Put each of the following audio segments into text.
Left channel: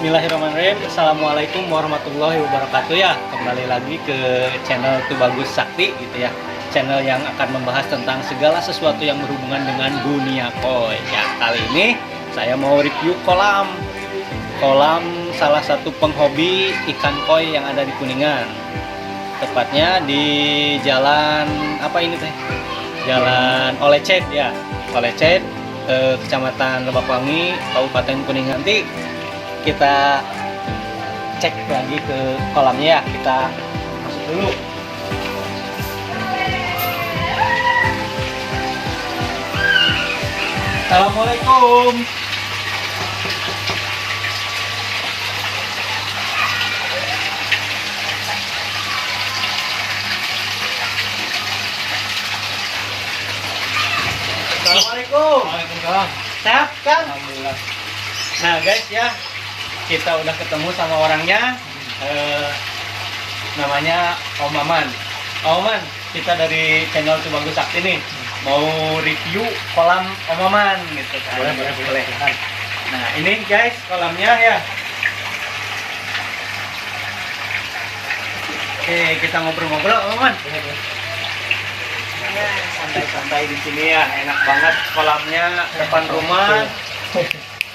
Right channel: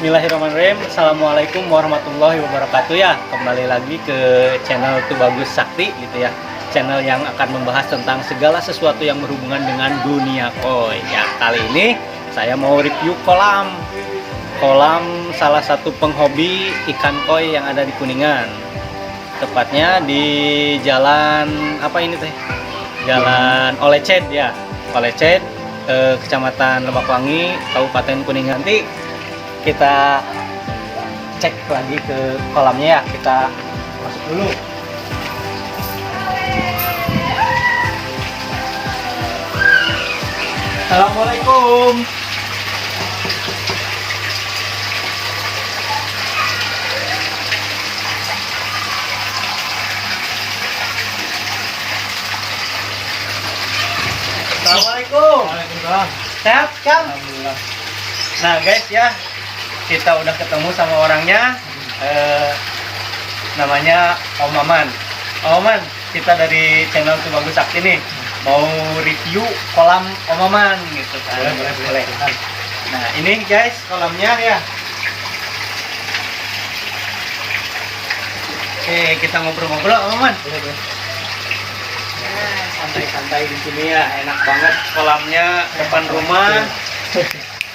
Bismillahirrahmanirrahim. Assalamualaikum warahmatullahi wabarakatuh ya. Kembali lagi ke channel Tubagus Sakti gitu ya. Channel yang akan membahas tentang segala sesuatu yang berhubungan dengan dunia koi. Ya, kali ini saya mau review kolam salah satu penghobi ikan koi yang ada di Kuningan. Tepatnya di jalan apa ini teh? Jalan Olecet ya. Olecet, Kecamatan Lebakwangi, Kabupaten Kuningan. Nanti kita cek lagi ke kolamnya ya. Kita masuk dulu. Assalamualaikum. Assalamualaikum. Waalaikumsalam. Sehat kan? Alhamdulillah. Nah guys ya, kita udah ketemu sama orangnya. Namanya Om Maman. Om Maman, kita dari channel Tubagus Sakti nih mau review kolam Om Maman gitu kan. Boleh. Nah ini guys kolamnya ya. Oke, kita ngobrol-ngobrol Om Maman. Santai-santai di sini ya, enak banget kolamnya depan rumah.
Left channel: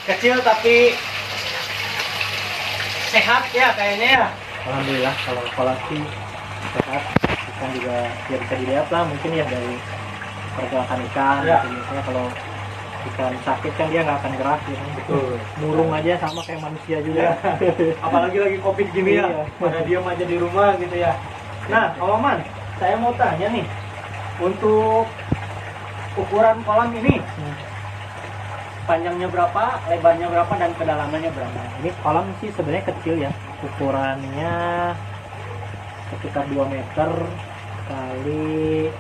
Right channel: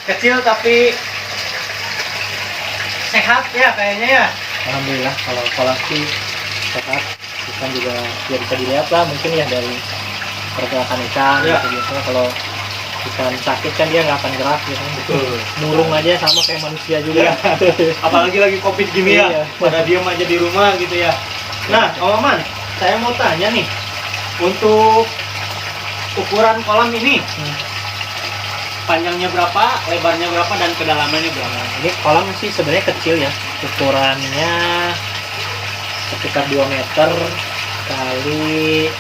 Kecil tapi sehat ya kayaknya ya. Alhamdulillah kalau kolam sih sehat, ikan juga ya bisa dilihat lah mungkin ya dari pergerakan ikan. Ya. Gitu. Biasanya kalau ikan sakit kan dia nggak akan gerak gitu. Betul. Murung aja sama kayak manusia juga. Apalagi lagi covid gini ya, Iya. pada diem aja di rumah gitu ya. Nah, Om Maman, saya mau tanya nih, untuk ukuran kolam ini panjangnya berapa, lebarnya berapa, dan kedalamannya berapa? Ini kolam sih sebenarnya kecil ya, ukurannya sekitar 2 meter kali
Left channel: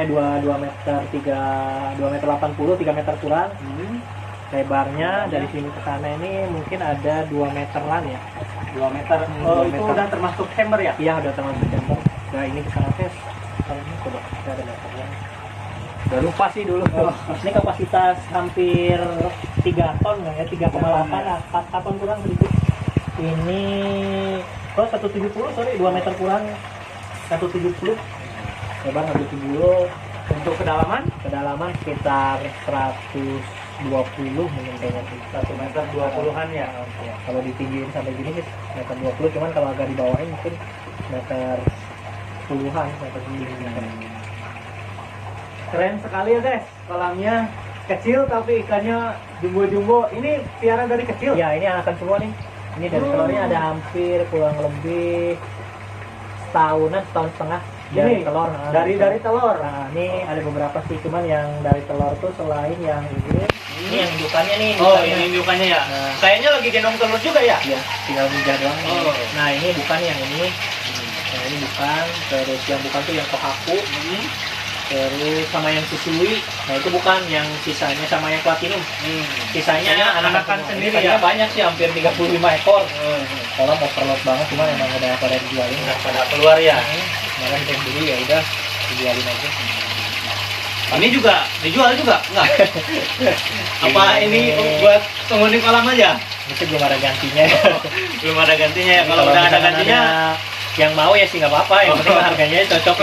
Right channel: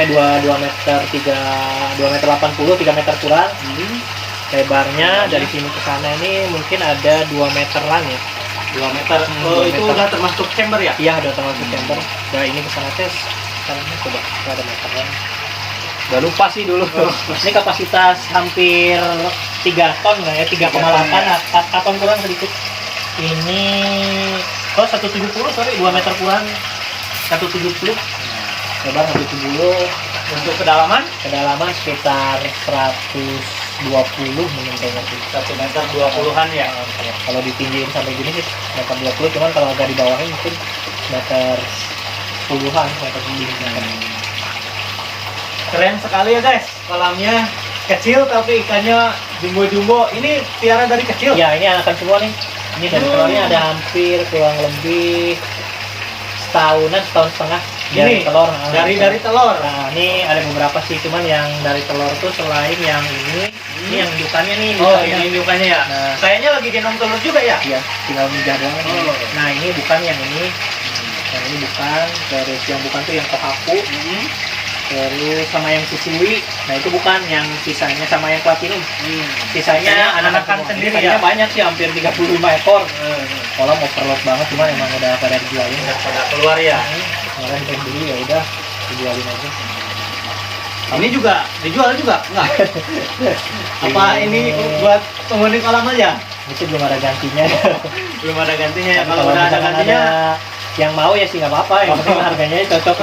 2 meter 2 meter 80, 3 meter kurang. Lebarnya dari sini ke sana ini mungkin ada 2 meteran ya. 2 meter. Oh, 2 itu meter. udah termasuk chamber ya? Iya, ada termasuk chamber. Nah, ini ke sana tes sekarangnya coba ada meteran. Udah lupa sih dulu. Ini kapasitas hampir 3 ton lah ya, 3,8 lah, 4 ton kurang sedikit. Ini 170, sorry, 2 meter kurang 170. Lebar 170. Untuk kedalaman? Kedalaman sekitar 120 mungkin kayaknya sih. 1 meter 20-an ya? Kalau ditinggiin sampai gini sih meter 20, cuman kalau agak di bawahnya mungkin meter 10-an, meter 10. Keren sekali ya guys, kolamnya kecil tapi ikannya jumbo-jumbo. Ini piara dari kecil? Ya, ini anakan semua nih. Ini dari telurnya ada hampir kurang lebih setahun setengah dari Ini telur. dari telur. Nah, ini ada beberapa sih, cuman yang dari telur tuh selain yang ini yang indukannya nih. Oh, indukannya. ini indukannya ya? Nah. Kayaknya lagi gendong telur juga ya? Iya, tinggal mijah doang. Oh. Nah, ini bukan yang ini. Yang ini bukan. Terus yang bukan tuh yang kohaku. Terus sama yang susui. Nah, itu bukan yang sisanya, sama yang platinum. Sisanya anakan semua. sendiri Ikannya ya? banyak sih, hampir 35 ekor. Kolam overload banget, cuman emang udah pada dijualin. Pada keluar ya? Kemarin kita beli ya udah dijualin aja. Ini juga dijual juga? Enggak? Apa ini buat penghuni kolam aja? Itu belum ada gantinya. Belum ada gantinya ya? Tapi Kalau udah ada misalkan gantinya yang mau ya sih nggak apa-apa, yang penting harganya cocok.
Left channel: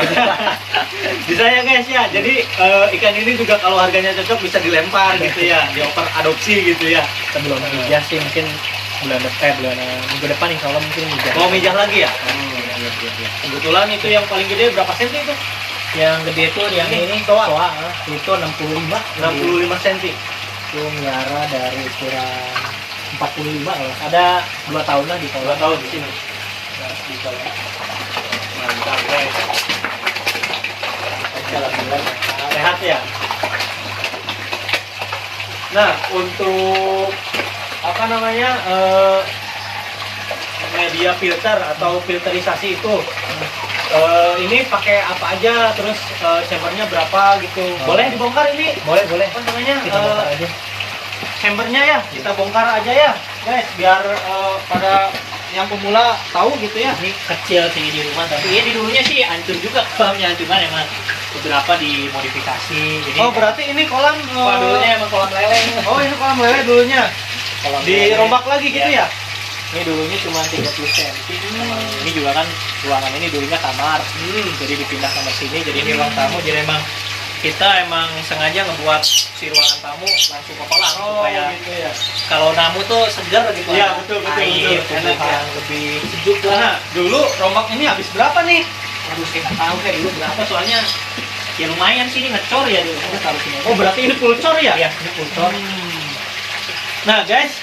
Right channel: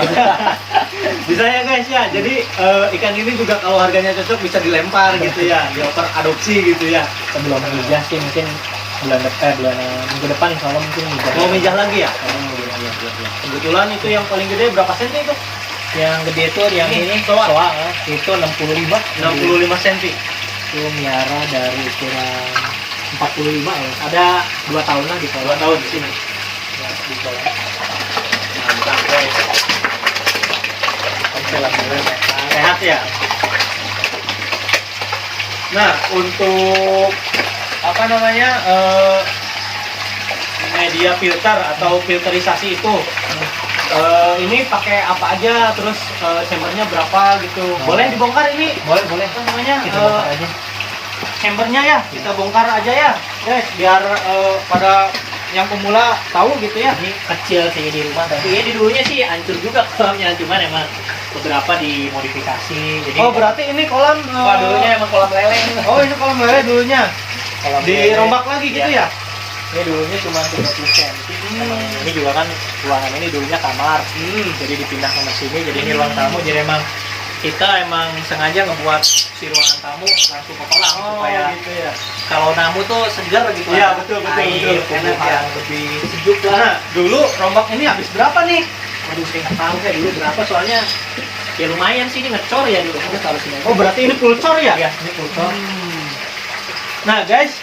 bisa ya guys ya. Jadi ikan ini juga kalau harganya cocok bisa dilempar gitu ya, dioper adopsi gitu ya. Sebelum mijah sih mungkin bulan minggu depan insya Allah mungkin mijah. Mau mijah lagi ya? Iya. Kebetulan itu yang paling gede berapa senti itu? Yang gede tuh yang ini toa. Itu 65 senti. itu miara dari ukuran 45 ya. Ada 2 tahun lah di 2 tahun di sini. Ya, di kolam. Mantap guys. Alhamdulillah Sehat ya. Nah, untuk apa namanya media filter atau filterisasi itu ini pakai apa aja, terus chambernya berapa gitu? Boleh dibongkar ini? boleh Apa namanya? kita bongkar aja. Chambernya ya kita bongkar aja ya, guys, biar pada yang pemula tahu gitu ya. Ini kecil sih di rumah, tapi ya di dulunya sih hancur juga kolamnya, cuman emang beberapa dimodifikasi. Jadi Oh, berarti ini kolam dulunya emang kolam lele. Oh, ini kolam lele dulunya. Kalau Dirombak lagi gitu ya? Ini dulunya cuma 30 cm. Ini juga kan ruangan ini dulunya kamar. Jadi dipindah kamar sini, jadi ini ruang tamu. Jadi kita emang sengaja ngebuat si ruangan tamu langsung ke kolam supaya gitu ya. kalau namu tuh segar gitu. Iya, betul. Air, Enak ya. yang lebih sejuk lah. Nah, dulu rombak ini habis berapa nih? Aduh, saya nggak tahu kayak dulu berapa, soalnya ya lumayan sih, ini ngecor ya dulu. Kita taruh sini. Oh, berarti ini full cor ya? Iya, ini full cor. Nah, guys,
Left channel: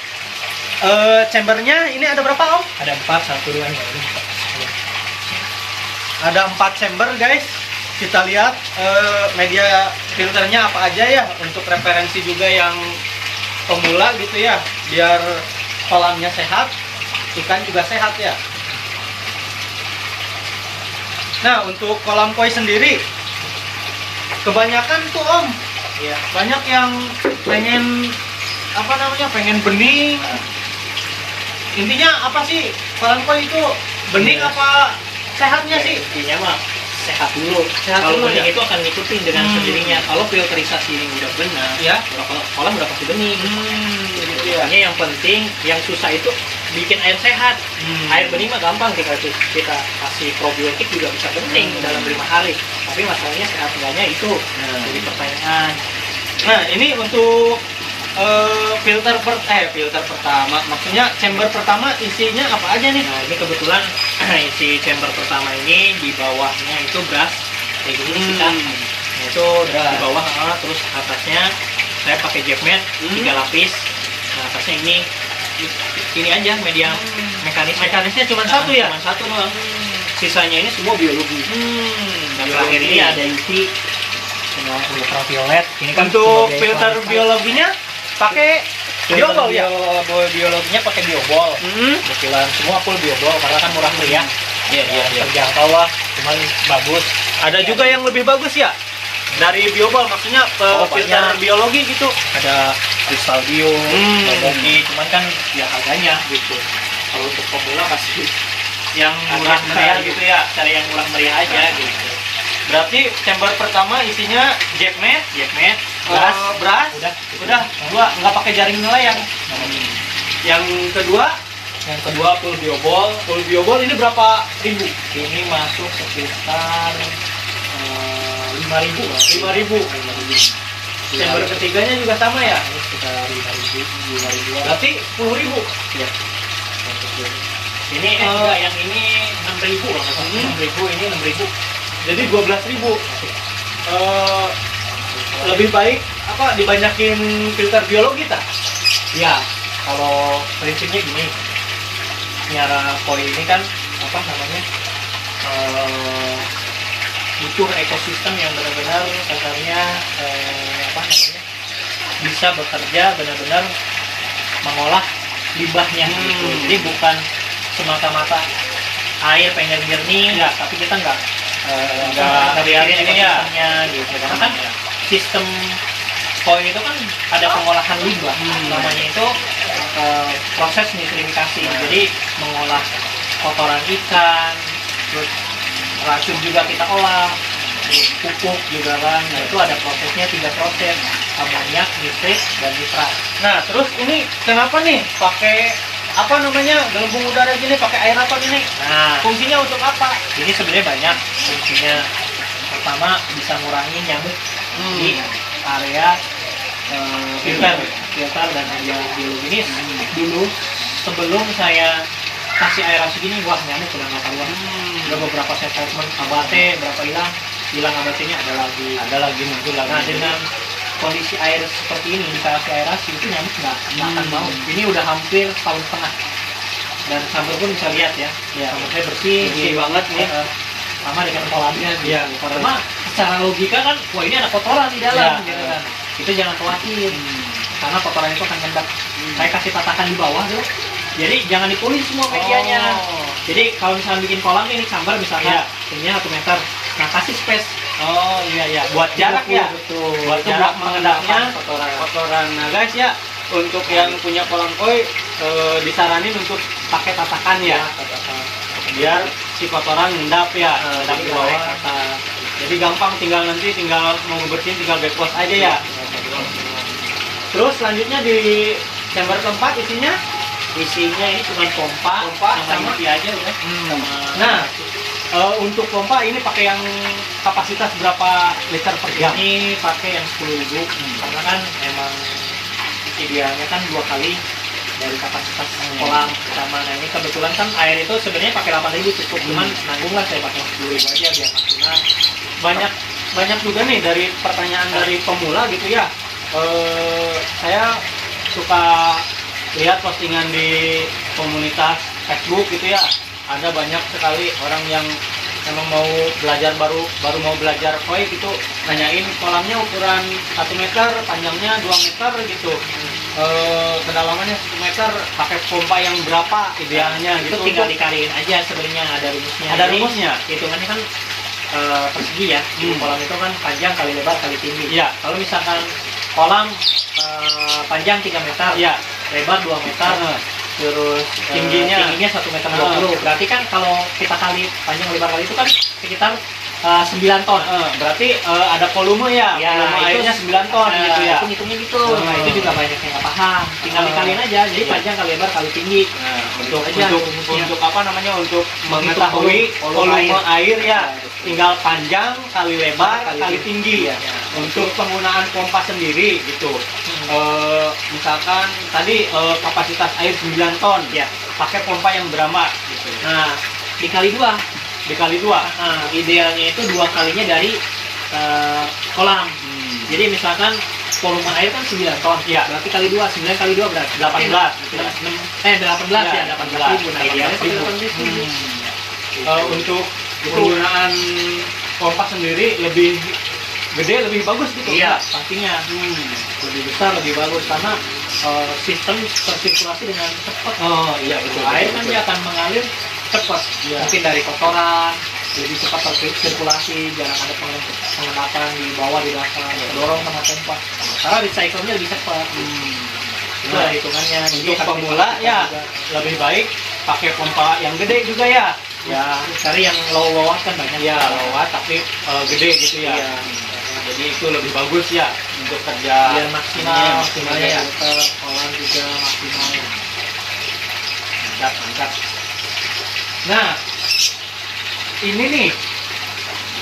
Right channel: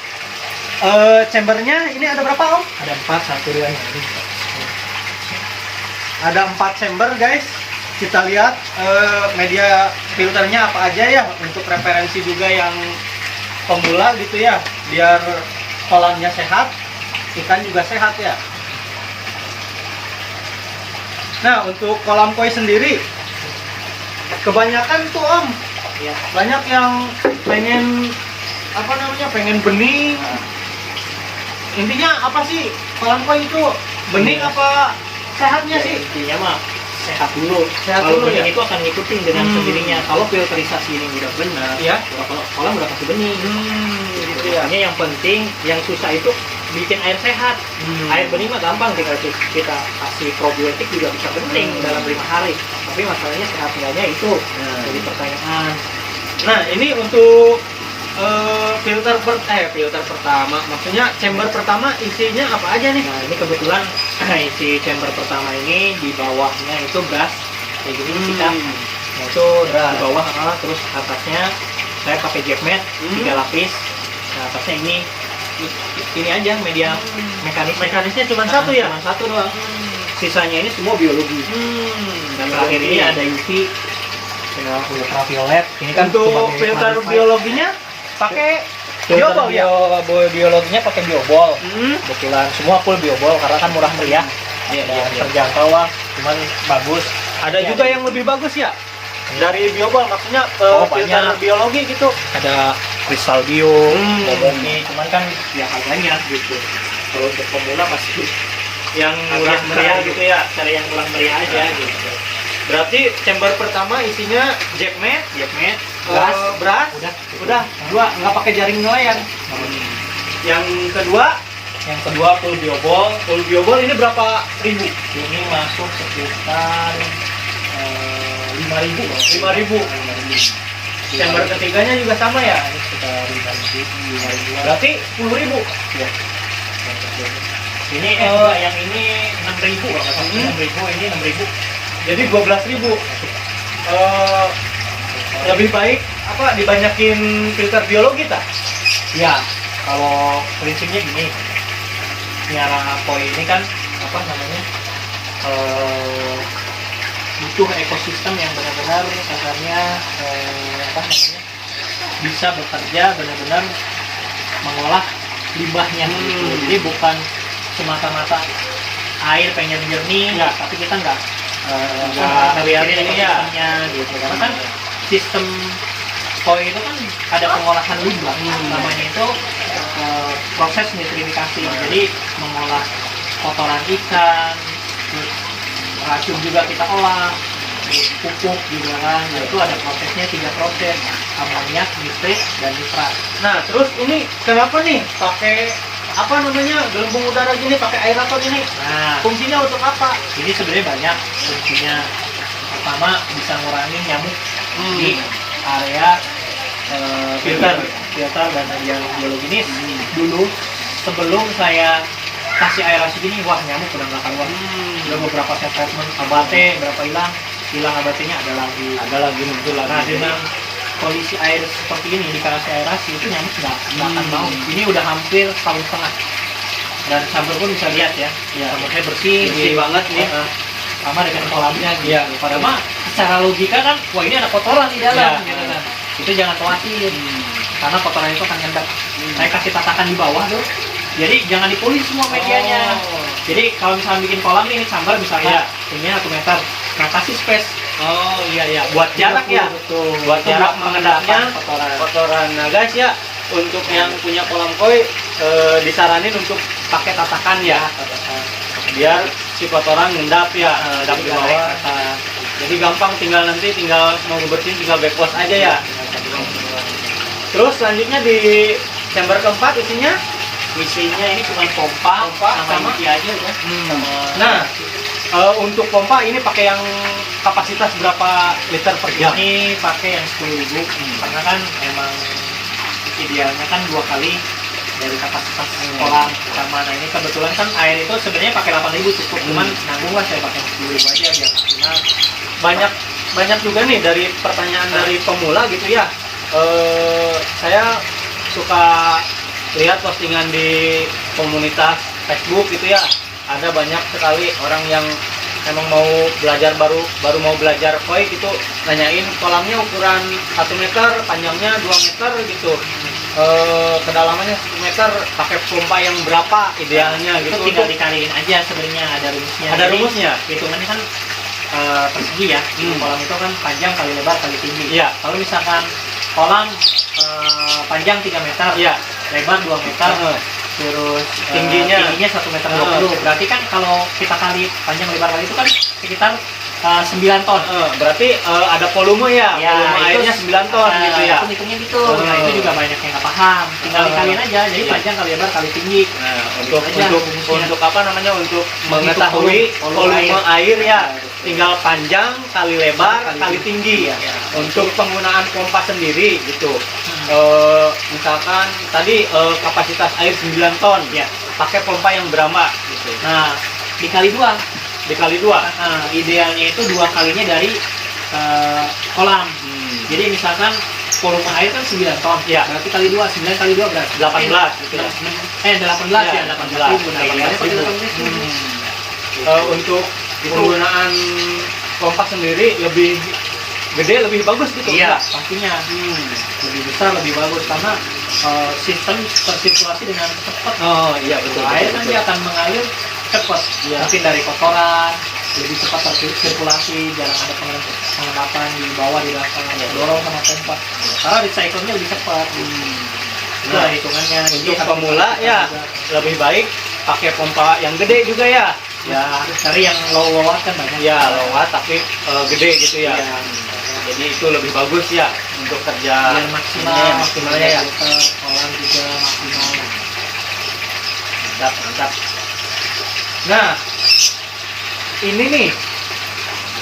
chambernya ini ada berapa, Om? Ada 4, 1, 2 nya ini. Ada 4 chamber, guys. Kita lihat media filternya apa aja ya, untuk referensi juga yang pemula gitu ya, biar kolamnya sehat, ikan juga sehat ya. Nah, untuk kolam koi sendiri, kebanyakan tuh Om, Iya. banyak yang pengen pengen bening. Intinya apa sih kolam koi itu, bening apa sehatnya Ya, sih? intinya mah sehat dulu. Sehat Kalau dulu, bening ya? itu akan ngikutin dengan sendirinya. Kalau filterisasi ini udah benar, Ya. kolam udah pasti bening. Gitu ya. Makanya yang penting, yang susah itu bikin air sehat. Air bening mah gampang, tinggal kita kasih probiotik juga bisa bening dalam 5 hari. Tapi masalahnya sehat enggaknya itu jadi pertanyaan. Nah, ini untuk filter pertama, maksudnya chamber pertama isinya apa aja nih? Nah, ini kebetulan isi chamber pertama ini di bawahnya itu gas kayak gini kita. Nah, itu Gas. di bawah, terus atasnya saya pakai jet mat 3 lapis. Nah, atasnya ini aja media Mekanisnya cuma satu ya? Cuma satu doang. Sisanya ini semua biologi. Dan terakhir ini ada UV dengan ultraviolet. Ini kan Untuk sebagai filter purifier. biologinya pakai Filter biobol ya? biologinya pakai biobol. Kebetulan semua full biobol karena kan murah meriah. Iya. Terjangkau lah, cuman bagus. Ada juga yang lebih bagus ya? Dari biobol, maksudnya ke Oh, filter banyak. biologi gitu. Ada kristal bio, boboki, cuman kan ya harganya gitu. Kalau untuk pemula pasti Yang murah murah meriah meriah gitu ya, cari yang murah meriah aja gitu. Berarti chamber pertama isinya jet mat, Gas, beras, udah. dua, nggak pakai jaring nelayan. Yang kedua, Yang kedua full biobol. full biobol ini berapa ribu? Ini masuk sekitar 5.000. 5.000. Chamber ketiganya juga sama ya? Ini sekitar 5.000. Berarti 10.000. Ini juga yang ini 6.000 lah, 6.000, ini 6.000. Jadi 12.000. Lebih baik apa dibanyakin filter biologi tak? Ya, kalau prinsipnya gini, miara koi ini kan apa namanya, butuh ekosistem yang benar-benar kasarnya bisa bekerja benar-benar mengolah limbahnya gitu. Jadi bukan semata-mata air pengen jernih, tapi kita nggak ngeliatin ekosistemnya gitu. Karena kan sistem koi itu kan ada pengolahan limbah, namanya itu proses nitrifikasi. Jadi mengolah kotoran ikan, terus racun juga kita olah, pupuk juga kan. Nah, itu ada prosesnya, 3 proses: amoniak, nitrit, dan nitrat. Nah, terus ini kenapa nih pakai apa namanya gelembung udara gini, pakai aerator ini? Nah, Fungsinya untuk apa? ini sebenarnya banyak fungsinya. Pertama, bisa ngurangi nyamuk di area filter dan media biologi ini. Dulu sebelum saya kasih aerasi gini, wah nyamuk udah nggak keluar. Udah beberapa saya treatment, abate berapa hilang abatenya, ada lagi muncul lagi. Nah, dengan kondisi air seperti ini dikasih aerasi itu nyamuk nggak akan mau. Ini udah hampir setahun setengah. Dan sambil pun bisa lihat ya, sambalnya bersih banget nih. sama dengan kolamnya gitu. Iya. Padahal mah secara logika kan, wah ini ada kotoran di dalam Iya. gitu kan. Itu jangan khawatir, karena kotoran itu akan ngendap. Saya kasih tatakan di bawah tuh, jadi jangan dipolis semua medianya. Jadi kalau misalnya bikin kolam ini sambar misalnya tingginya 1 meter, nah kasih space. Oh iya, Buat jarak ya. betul. Buat jarak mengendapnya kotoran. kotoran. Nah guys ya, untuk yang punya kolam koi disaranin untuk pakai tatakan ya, biar si kotoran ngendap ya, ngendap di bawah. Jadi gampang, tinggal mau ngebersihin tinggal backwash aja ya. Terus selanjutnya di chamber keempat isinya ini cuma pompa sama isi aja ya. Nah, untuk pompa ini pakai yang kapasitas berapa liter per jam? Ini pakai yang 10.000 karena kan emang idealnya kan 2 kali dari kapasitas kolam sama. Nah ini kebetulan kan air itu sebenarnya pakai 8.000 cukup, cuman nanggung lah saya pakai 10.000 aja biar maksimal. Banyak juga nih dari pertanyaan dari pemula gitu ya. Saya suka lihat postingan di komunitas Facebook gitu ya. Ada banyak sekali orang yang memang mau belajar baru mau belajar koi gitu, nanyain kolamnya ukuran 1 meter, panjangnya 2 meter gitu. Kedalamannya 1 meter, pakai pompa yang berapa idealnya gitu. Itu tinggal dikaliin aja sebenarnya, ada rumusnya. Ada rumusnya. Hitungannya kan persegi ya. Kolam itu kan panjang kali lebar kali tinggi. Iya. Kalau misalkan kolam panjang 3 meter, ya lebar 2 meter, terus tingginya 1 meter 20. Berarti kan kalau kita kali panjang lebar kali itu kan sekitar 9 ton. Berarti ada volume ya, volume airnya 9 ton gitu ya. Itu hitungnya gitu. Nah, itu juga banyak yang nggak paham. Tinggal dikaliin aja. Jadi panjang kali lebar kali tinggi. Nah, untuk apa namanya, untuk mengetahui volume air ya, tinggal panjang kali lebar kali tinggi ya. Untuk penggunaan pompa sendiri gitu. Misalkan tadi kapasitas air 9 ton ya, pakai pompa yang berapa gitu. Nah, dikali 2. Idealnya itu 2 kalinya dari kolam. Jadi misalkan volume air kan 9 ton, ya. Berarti kali 2, 9 kali 2 berarti 18 gitu ya. 18 ya, 18.000. Nah, idealnya pakai 18.000. Untuk penggunaan pompa sendiri lebih gede, lebih bagus gitu. Iya, pastinya lebih besar, lebih bagus karena sistem tersirkulasi dengan cepat. Oh iya, betul. Air kan dia akan mengalir cepat. Mungkin dari kotoran lebih cepat tersirkulasi, jarang ada pengendapan di bawah, di dasar, dorong sama pompa. Karena recycle-nya lebih cepat. Itu lah hitungannya. Untuk pemula ya lebih baik pakai pompa yang gede juga ya. Ya, cari yang low watt kan banyak. Ya, low watt tapi gede gitu ya. Jadi itu lebih bagus ya untuk kerja biar maksimalnya ya. Kolam juga maksimal. Mantap. Nah, ini nih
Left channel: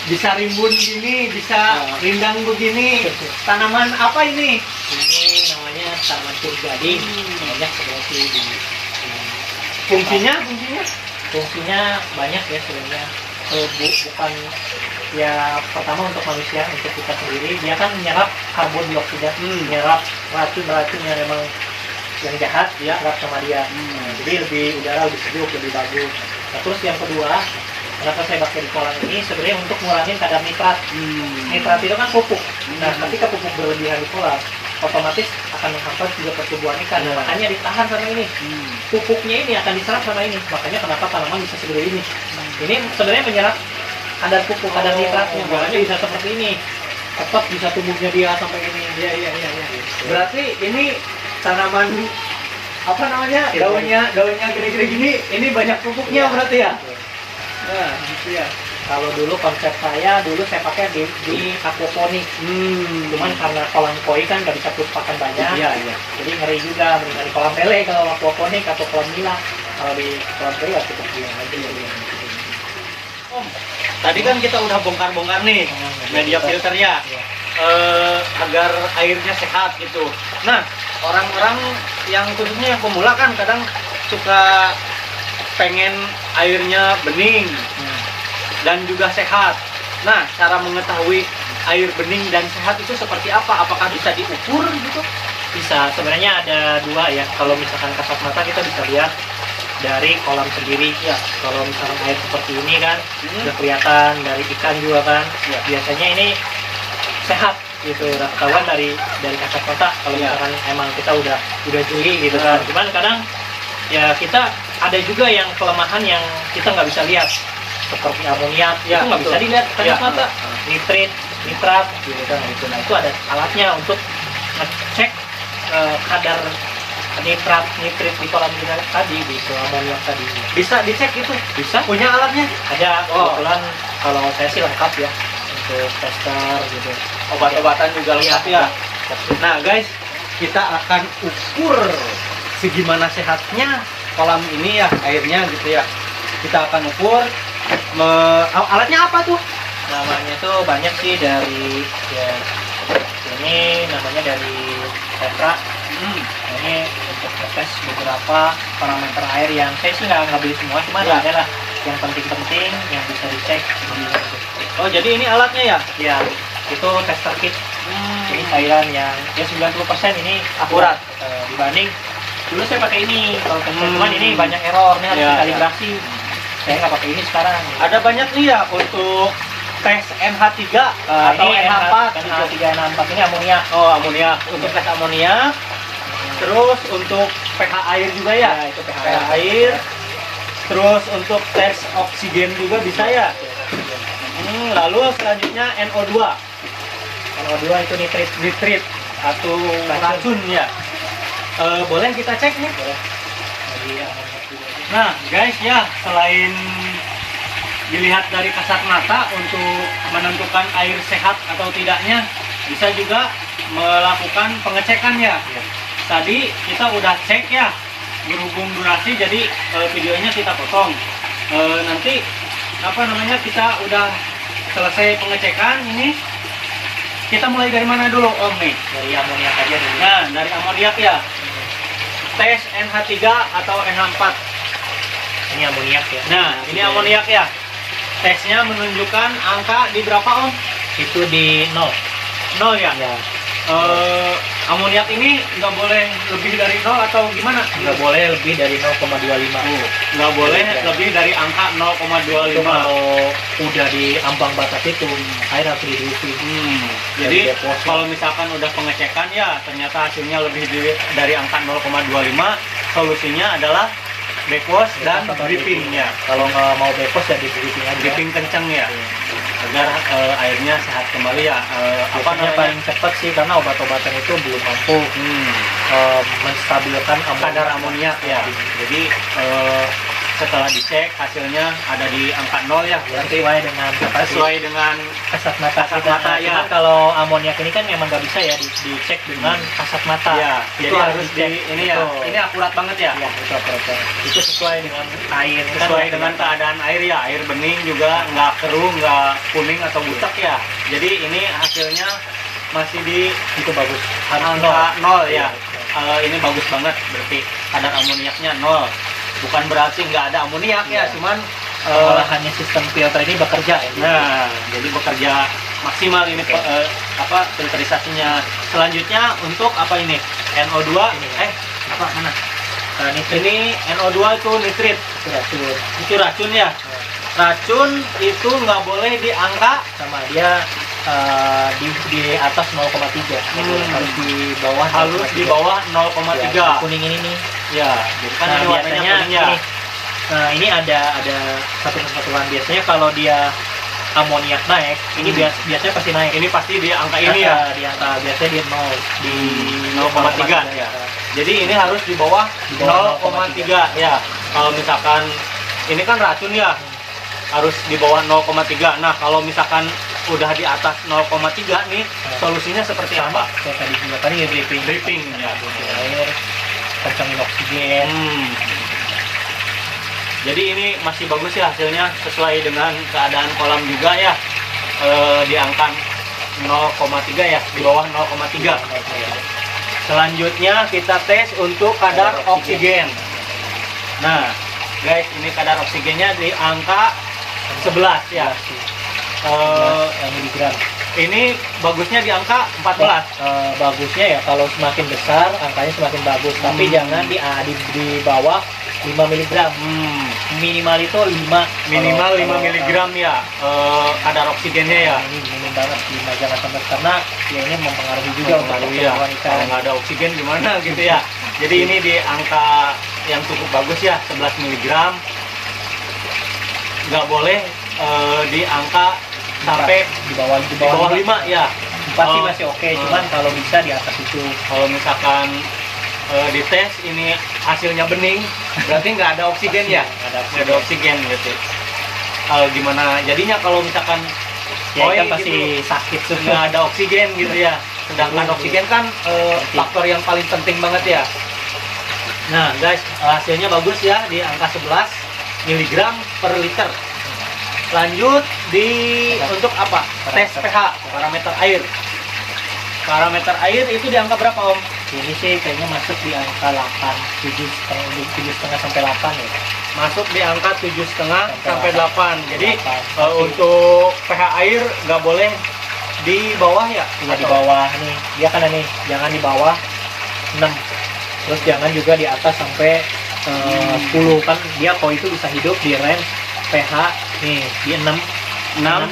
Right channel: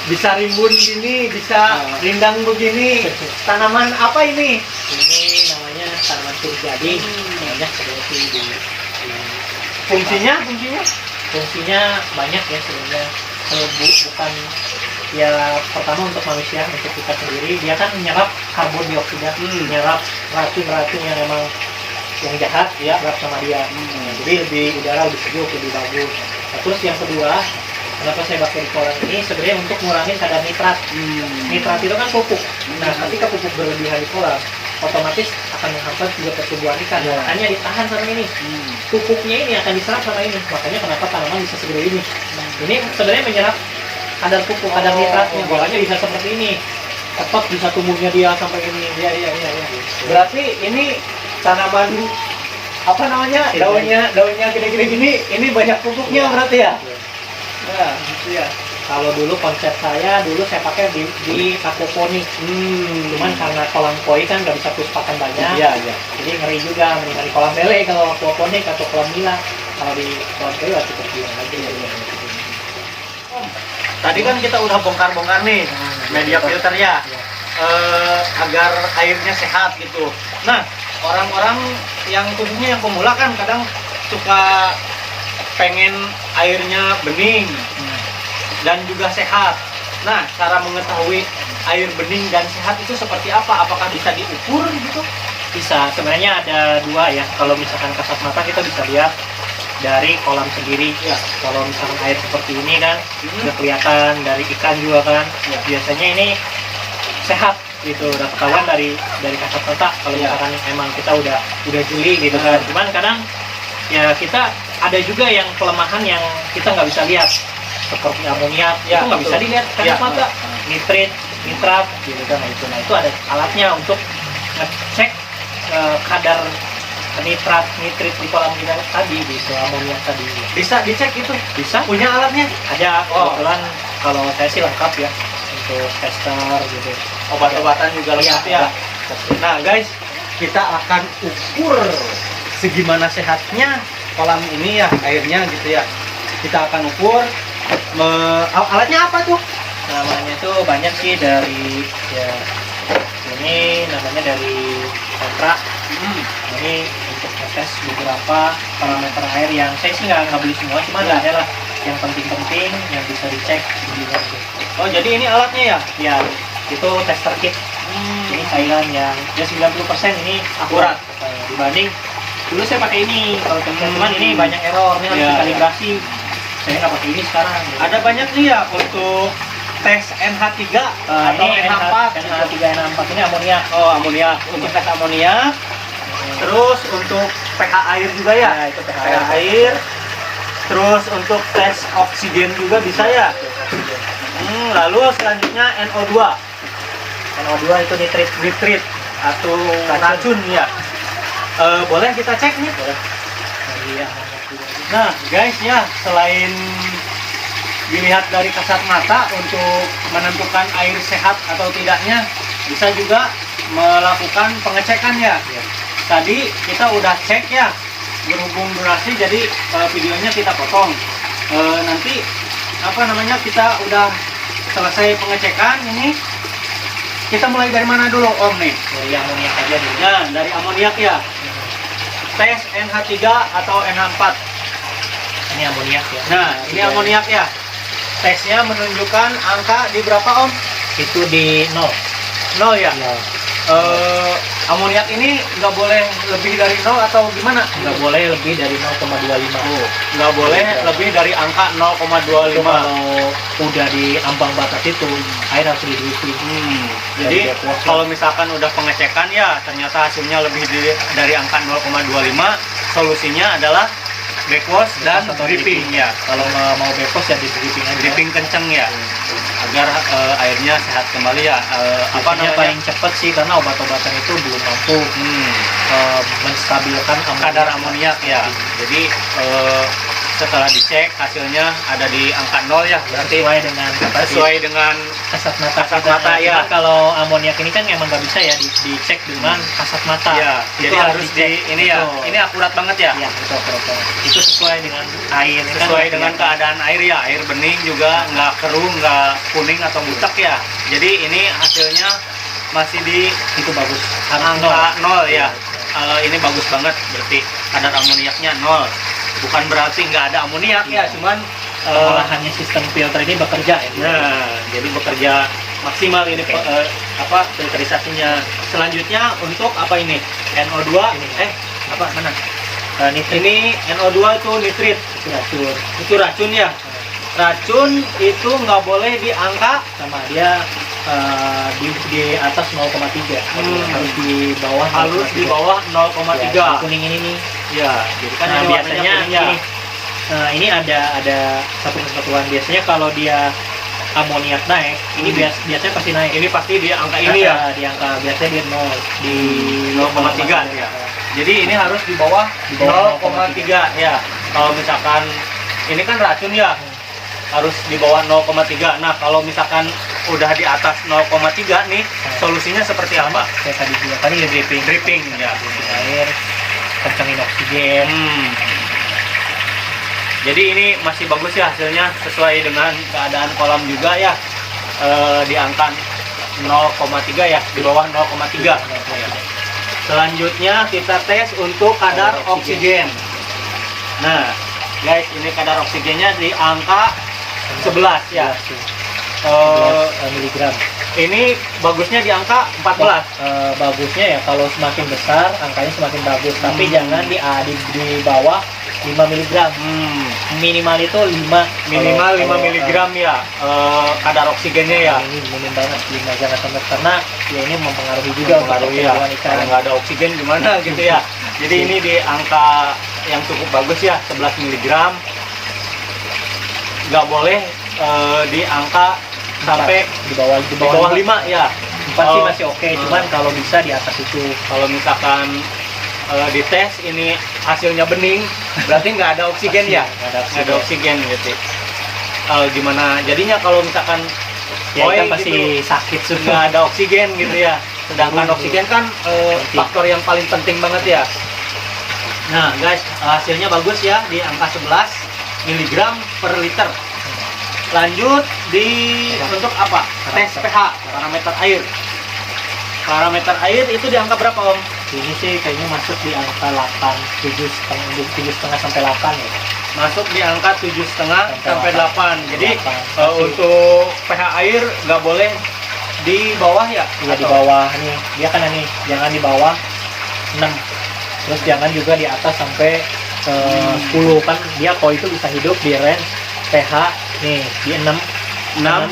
bisa rimbun gini, bisa rindang begini. Tanaman apa ini? Ini namanya tanaman turjadi. Banyak seperti di Fungsinya banyak ya sebenarnya. Bukan ya, pertama untuk manusia, untuk kita sendiri, dia kan menyerap karbon dioksida, menyerap racun-racun yang memang yang jahat ya, serap sama dia. Jadi lebih udara lebih sejuk, lebih bagus. Nah, terus yang kedua, kenapa saya pakai di kolam ini sebenarnya untuk ngurangin kadar nitrat. Nitrat itu kan pupuk. Nah, ketika pupuk berlebihan di kolam, otomatis akan menghambat juga pertumbuhan ikan. Makanya ditahan sama ini. Pupuknya ini akan diserap sama ini. Makanya kenapa tanaman bisa segede ini. Ini sebenarnya menyerap kadar pupuk, kadar nitratnya. Makanya bisa seperti ini. Tetap bisa tumbuhnya dia sampai ini. Iya. berarti ini tanaman apa namanya, daunnya gede-gede gini, ini banyak pupuknya berarti ya. Nah, gitu ya. Kalau dulu konsep saya pakai di aquaponik. Cuman karena kolam koi kan nggak bisa pakan banyak. Iya. Jadi ngeri juga dari kolam lele kalau aquaponik atau kolam gila. Kalau di kolam koi ya cukup bilang aja ya. Tadi kan kita udah bongkar-bongkar nih media filter ya, agar airnya sehat gitu. Nah, orang-orang yang khususnya yang pemula kan kadang suka pengen airnya bening dan juga sehat. Nah, cara mengetahui air bening dan sehat itu seperti apa? Apakah bisa diukur gitu? Bisa, sebenarnya ada dua ya. Kalau misalkan kasat mata kita bisa lihat dari kolam sendiri ya. Kalau misalkan air seperti ini kan udah kelihatan, dari ikan juga kan ya. Biasanya ini sehat gitu, udah ketahuan dari kasat mata kalau misalkan emang kita udah jeli gitu kan. Cuman kadang ya kita ada juga yang kelemahan yang kita nggak bisa lihat, seperti amoniak itu nggak bisa dilihat kasat mata, nitrat gitu kan. Nah itu ada alatnya untuk ngecek kadar nitrit di kolam kita tadi, gitu, amoniak tadi. Bisa dicek itu? Bisa. Punya alatnya? Ada. Kebetulan kalau saya sih lengkap ya, untuk tester gitu. Obat-obatan juga lengkap ya. Ya. Nah guys, kita akan ukur segimana sehatnya kolam ini ya airnya gitu ya. Kita akan ukur. Alatnya apa tuh? Namanya tuh banyak sih dari ya ini namanya dari Tetra. Ini untuk ngetes beberapa parameter air yang saya sih nggak beli semua, cuma Ya. ada lah yang penting-penting yang bisa dicek. Oh, jadi ini alatnya ya? Ya, itu tester kit. Ini cairan yang ya 90% ini akurat dibanding dulu saya pakai ini kalau tester, cuman ini banyak error, ini harus Ya, dikalibrasi. Saya nggak pakai ini sekarang. Ada banyak nih ya untuk tes NH3 atau ini NH4. NH3 NH4 ini amoniak. Oh, amoniak. Untuk tes amoniak. Terus untuk pH air juga ya? Ya, itu pH pH air. Terus untuk tes oksigen juga bisa ya? Lalu selanjutnya NO2. NO2 itu nitrit. Nitrit atau racun ya. Boleh kita cek nih? Boleh. Dari amoniak juga. Nah, guys ya, selain dilihat dari kasat mata untuk menentukan air sehat atau tidaknya, bisa juga melakukan pengecekan ya. Tadi kita udah cek ya, berhubung durasi jadi videonya kita potong. Nanti apa namanya, kita udah selesai pengecekan ini, kita mulai dari mana dulu Om nih? Dari amoniak aja dulu. Nah, dari amoniak ya. Tes NH3 atau NH4. Ini amoniak ya. Nah, ini amoniak ya. Tesnya menunjukkan angka di berapa Om? Itu di 0. 0 ya. Ya. Amoniak ini nggak boleh lebih dari 0 atau gimana? Nggak boleh lebih dari 0,25. Nggak boleh lebih dari angka 0,25. Itu kalau udah di ambang batas itu air harus diisi. Jadi Dari depot. kalau misalkan udah pengecekan ya ternyata hasilnya lebih dari angka 0,25, solusinya adalah backwash dan Atau dripping ya. Kalau nggak mau backwash ya di dripping aja. Dripping kenceng ya, agar airnya sehat kembali ya. Apa Biasanya namanya? paling cepat sih karena obat-obatan itu belum mampu menstabilkan Kadar amoniak ya. Jadi setelah dicek hasilnya ada di angka 0 ya, berarti sesuai dengan sesuai dengan kasat mata. kasat mata, ya. Cuman kalau amoniak ini kan emang nggak bisa ya dicek dengan kasat mata. ya. Itu Jadi harus dicek. ini ya. Betul. Ini akurat banget ya. Ya, itu apa-apa. Itu sesuai dengan air. kan Sesuai ya. dengan keadaan air ya, air bening juga, nggak keruh, nggak kuning atau butek ya. Jadi ini hasilnya masih di Itu bagus. angka 0 ya. Ini bagus banget, berarti kadar amoniaknya 0. Bukan berarti nggak ada amoniak ya, Iya. cuman Pengolahannya sistem filter ini bekerja ya. nah, jadi bekerja maksimal ini Oke. filterisasinya. Selanjutnya untuk apa ini? NO2. Ini. Apa mana? Nitrit Ini NO2 itu nitrit. itu racun. Itu racun ya. Racun itu nggak boleh di angka Sama dia di atas 0,3. Harus di bawah. harus di bawah 0,3. Ya, kuning ini nih. Ya, jadi kan Nah, ini warnanya biasanya kuning ya. ini ada satu kesatuan. Biasanya kalau dia amoniak naik, ini biasanya pasti naik. Ini pasti di angka ini ya. Di angka biasanya dia 0 di 0,3 ya. Jadi ini harus di bawah Di bawah 0,3 ya. Kalau misalkan ini kan racun ya, harus di bawah 0,3. Nah, kalau misalkan udah di atas 0,3 nih, solusinya seperti apa? Kayak tadi juga tadi ya dripping. Dripping ya. Dripping air, kencangin oksigen. Jadi ini masih bagus ya hasilnya, sesuai dengan keadaan kolam juga ya. Di angka 0,3 ya, di bawah 0,3. Selanjutnya kita tes untuk kadar oksigen. Nah, guys, ini kadar oksigennya di angka 11 ya. 11 miligram. Ini bagusnya di angka 14. Bagusnya ya kalau semakin besar angkanya semakin bagus, tapi jangan di bawah 5 miligram. Minimal itu 5. Minimal 5 miligram ya kadar oksigennya ya. Ini minim banget 5, jangan sampai, karena ya ini mempengaruhi juga Mempengaruhi untuk ya. pertumbuhan ikan. Kalau nggak ada oksigen gimana gitu ya. Jadi ini di angka yang cukup bagus ya, 11 miligram. Nggak boleh di angka sampai di bawah di bawah 5 ya. 4 sih masih oke, cuman kalau bisa di atas itu. Kalau misalkan dites ini hasilnya bening, berarti nggak ada oksigen ya. Nggak ada oksigen gitu. Gimana jadinya kalau misalkan Ya koi ikan pasti gitu, sakit nggak sudah. ada oksigen gitu ya. Sedangkan oksigen kan faktor yang paling penting banget ya. Nah guys, hasilnya bagus ya di angka 11 mg per liter. Lanjut di untuk apa? Tes pH, parameter air. Parameter air itu di angka berapa Om? Ini sih kayaknya masuk di angka 8, 7,5 sampai 8 ya. Masuk di angka 7,5 sampai 8. Jadi 8. untuk pH air nggak boleh di bawah ya? Iya di bawah nih, dia kan nih, jangan di bawah 6. Terus jangan juga di atas sampai 10 kan dia koi itu bisa hidup di range pH nih di 6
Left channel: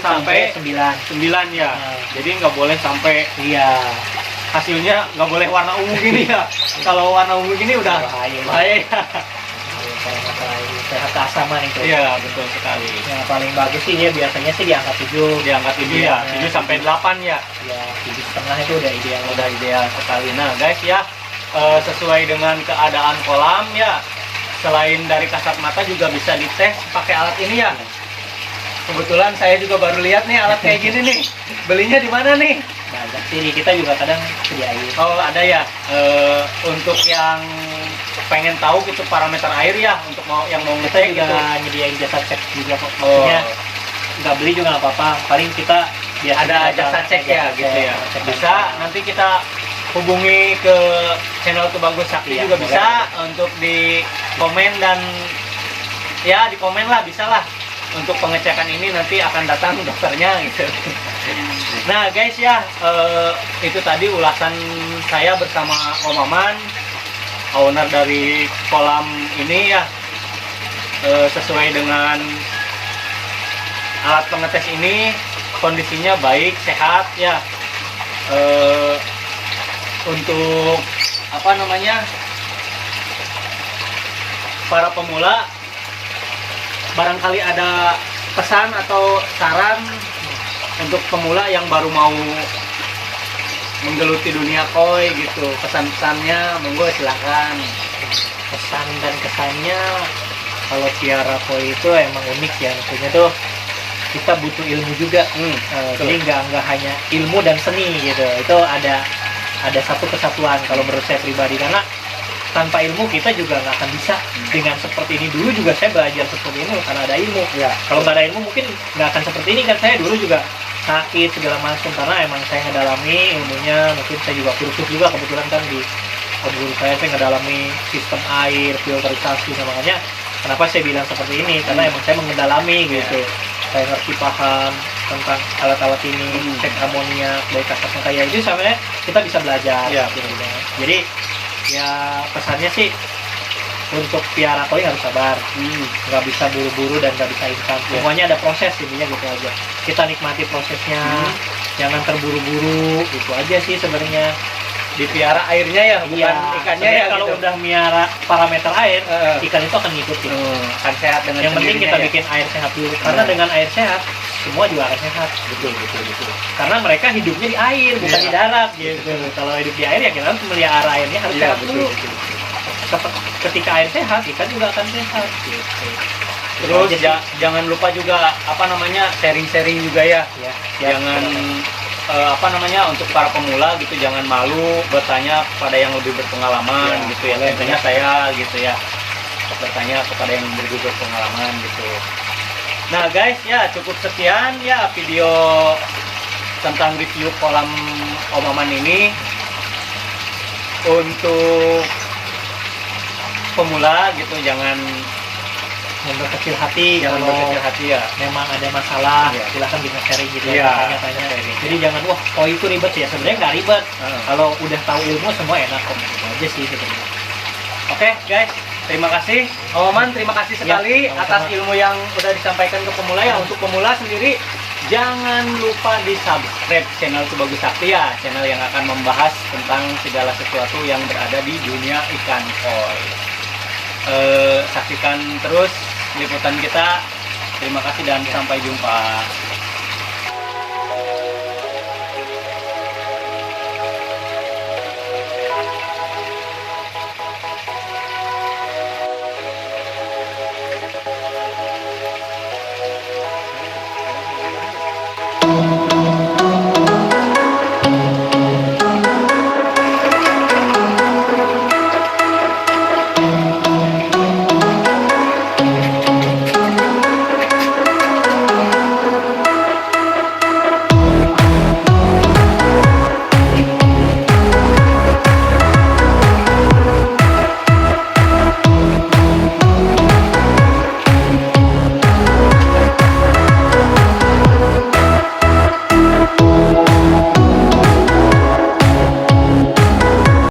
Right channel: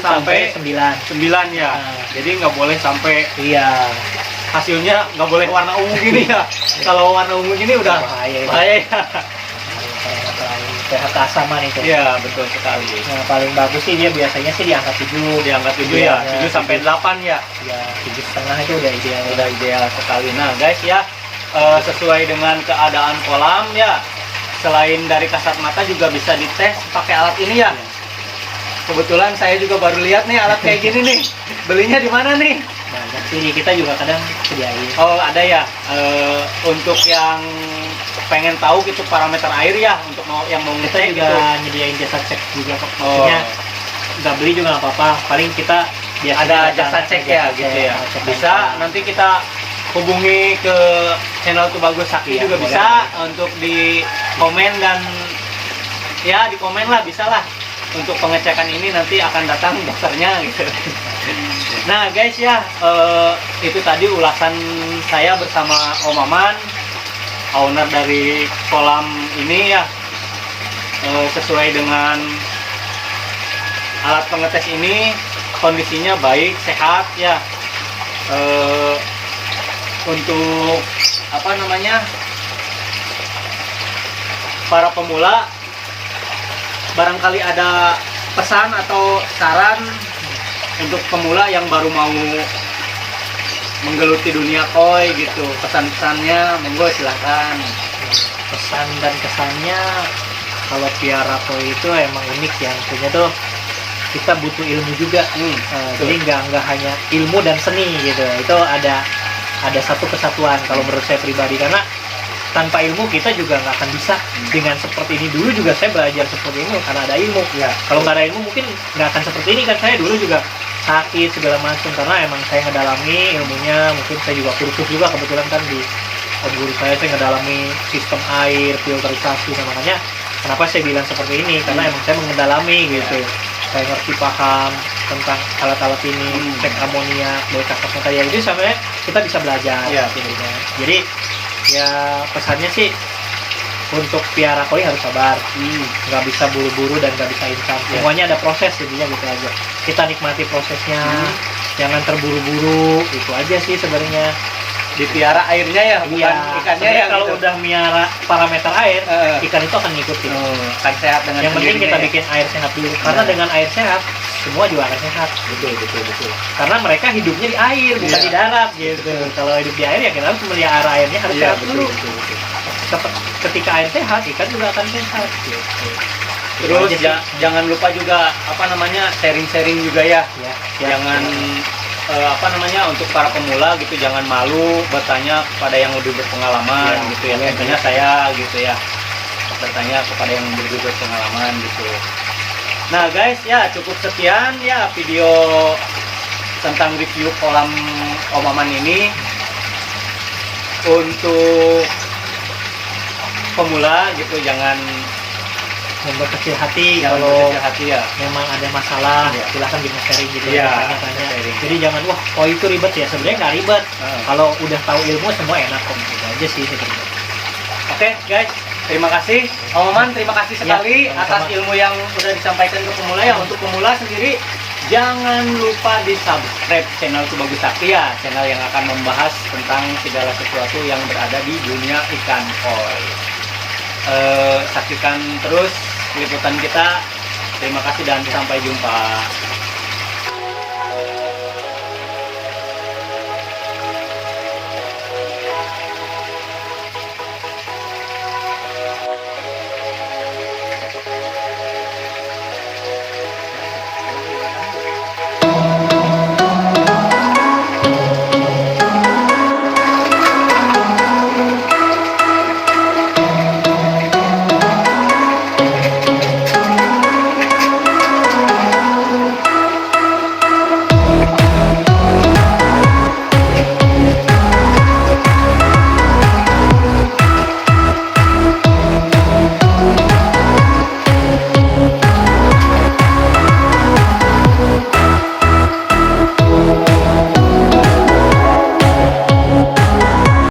sampai 9. 9 ya. Jadi nggak boleh sampai Iya. hasilnya nggak boleh warna ungu gini ya. Kalau warna ungu gini udah bahaya ya. pH keasaman itu. Iya, betul sekali. Yang paling bagus sih dia biasanya sih di angka 7. Di angka 7 ya, 7 sampai 8 ya. Ya, 7,5 itu udah ideal. Udah ideal sekali. Nah, guys ya, sesuai dengan keadaan kolam ya. Selain dari kasat mata juga bisa dites pakai alat ini ya. Kebetulan saya juga baru lihat nih alat kayak gini nih. Belinya di mana nih? Banyak sih, kita juga kadang sediain. Oh, ada ya. Untuk yang pengen tahu gitu parameter air ya, untuk yang mau Kita ngecek juga gitu. nyediain jasa cek juga kok. Oh, Maksudnya nggak beli juga nggak apa-apa. Paling kita biasanya ada jasa cek ya gitu ya. cek Bisa nanti kita hubungi ke channel Tubagus Sakti Iya, juga boleh, bisa boleh. untuk di komen dan ya di komen lah, bisa lah. Untuk pengecekan ini nanti akan datang dokternya gitu. Nah guys ya, itu tadi ulasan saya bersama Om Maman, owner dari kolam ini ya. Sesuai dengan alat pengetes ini, kondisinya baik, sehat ya. Untuk apa namanya, para pemula, barangkali ada pesan atau saran untuk pemula yang baru mau menggeluti dunia koi gitu, pesan-pesannya monggo silahkan. Pesan dan kesannya kalau piara koi itu emang unik ya, maksudnya tuh kita butuh ilmu juga. Jadi nggak hanya ilmu dan seni gitu, itu ada satu kesatuan kalau menurut saya pribadi, karena tanpa ilmu kita juga nggak akan bisa dengan seperti ini. Dulu juga saya belajar seperti ini karena ada ilmu ya. Kalau nggak ada ilmu mungkin nggak akan seperti ini kan. Saya dulu juga sakit segala macam karena emang saya ngedalami ilmunya. Mungkin saya juga kursus juga kebetulan kan di guru saya ngedalami sistem air, filterisasi. Nah, makanya kenapa saya bilang seperti ini, karena emang saya mengedalami gitu. Saya ngerti paham tentang alat-alat ini, cek amoniak, baik kasat mata ya, itu sampai kita bisa belajar gitu. Jadi ya pesannya sih untuk piara koi harus sabar, nggak bisa buru-buru dan nggak bisa instan. Semuanya ada proses, intinya gitu aja. Kita nikmati prosesnya, jangan terburu-buru, itu aja sih sebenarnya. Dipiara airnya ya, bukan ikannya ya. Kalau gitu. udah miara parameter air, ikan itu akan ngikutin. Akan sehat dengan Yang penting kita sendirinya ya. bikin air sehat dulu, karena dengan air sehat semua juga akan sehat. Betul. Karena mereka hidupnya di air, bukan di darat gitu. Kalau hidup di air ya kita harus melihara airnya harus sehat dulu. Ketika air sehat, ikan juga akan sehat gitu. Terus jangan lupa juga apa namanya, sharing-sharing juga ya. Jangan apa namanya, untuk para pemula gitu, jangan malu bertanya kepada yang lebih berpengalaman gitu ya. Tentunya saya gitu ya, bertanya kepada yang lebih berpengalaman gitu. Nah guys ya, cukup sekian ya video tentang review kolam Om Maman ini. Untuk pemula gitu jangan berkecil hati, Jangan kalau berkecil hati ya. memang ada masalah Iya. silahkan bisa sharing gitu Iya, ya, tanya-tanya. sharing. Jadi jangan wah koi itu ribet ya, sebenarnya nggak ribet. Kalau udah tahu ilmu semua enak kok, gitu aja sih sebenarnya. Oke guys, terima kasih Om Maman, terima kasih sekali sama-sama. atas ilmu yang udah disampaikan ke pemula ya. Untuk pemula sendiri jangan lupa di subscribe channel Tubagus Sakti ya, channel yang akan membahas tentang segala sesuatu yang berada di dunia ikan koi. Saksikan terus liputan kita. Terima kasih dan sampai jumpa.